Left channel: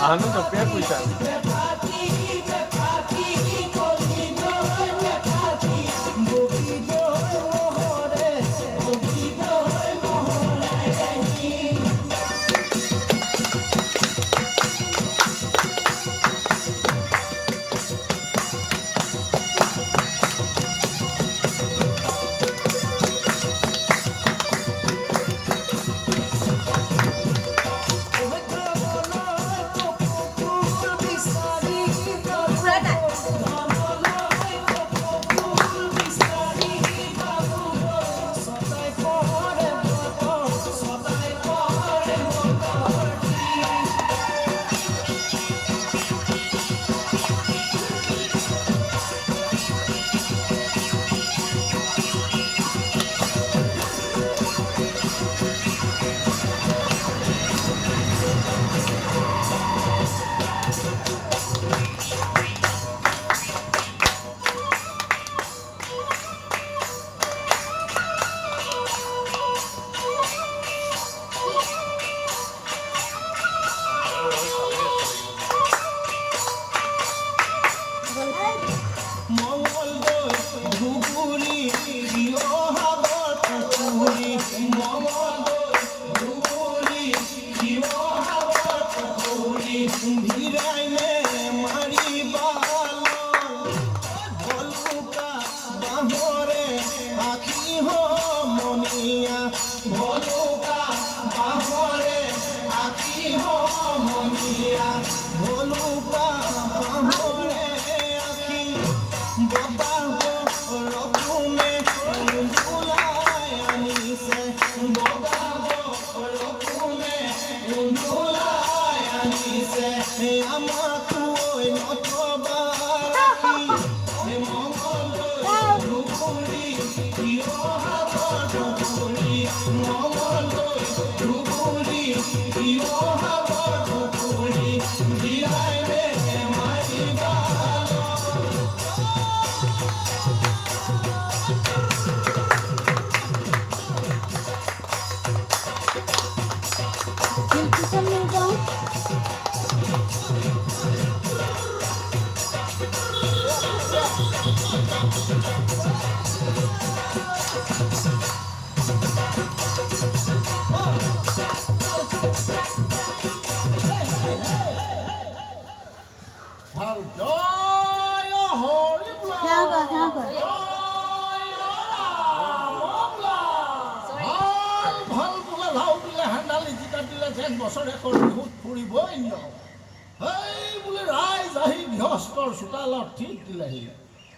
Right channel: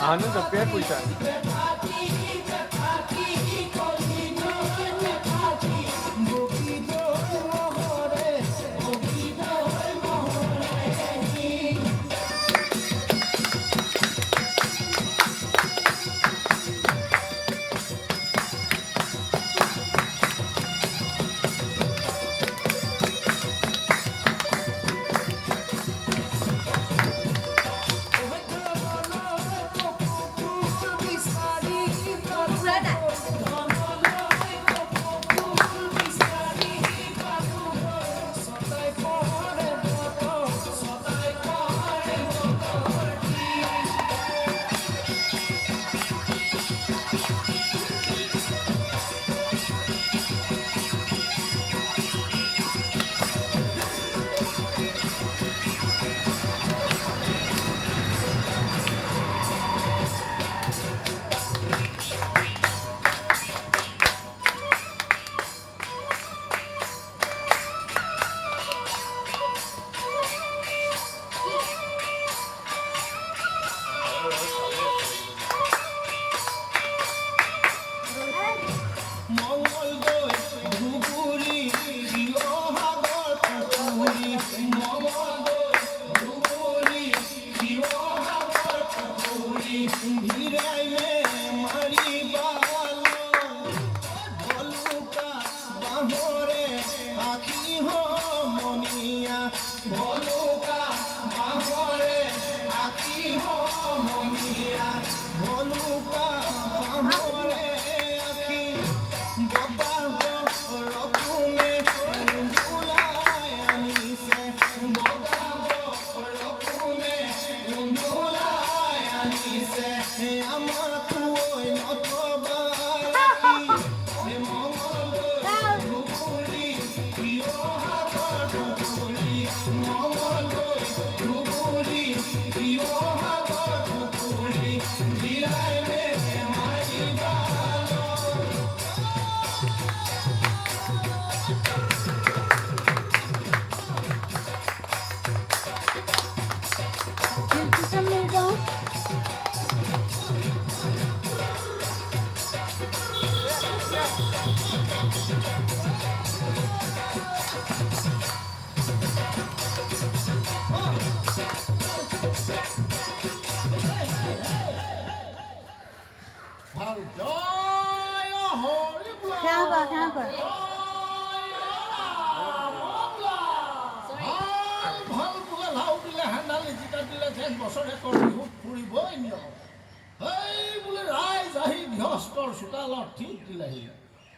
Anu tapi aku bisa.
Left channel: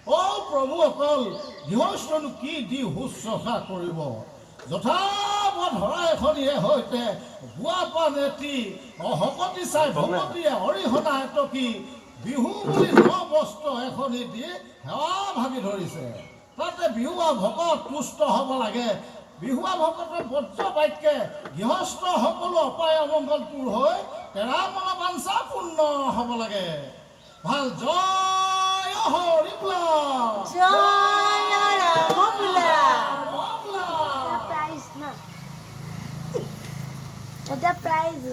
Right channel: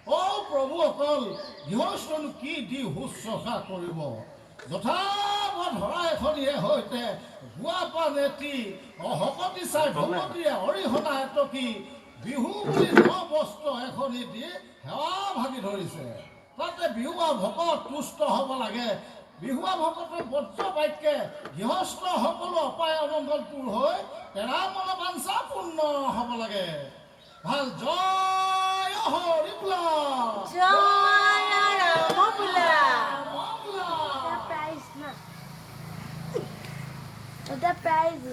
প্ৰভুসকল গৃহস্থনো কি দি শুশ্ৰূষা কৰিব যথাবধ শৰাই এখনিয়ে সৈতে গুৱাপা নেতি অহপতি চাই ভকতিয়ে অৰিহণা এটকি বিহু বুলি ন বস্ত্ৰ এখনি দি সেৱা ভাবি ধৰিছে তাতে বিহুৱা ভকত তুষ্ট হ'ব লাগে বিহুৱা ভকতৰ বজ্ৰ বাক্যে গৃহস্থ সকলো অপায় অমংগল দূৰ হৈ তেৰা মনা বাঞ্ছা পূৰ্ণ হ'ব লাগে ভাল জয় হৰি বোলা জয় ৰাম বোলা Prize na. Ada prize.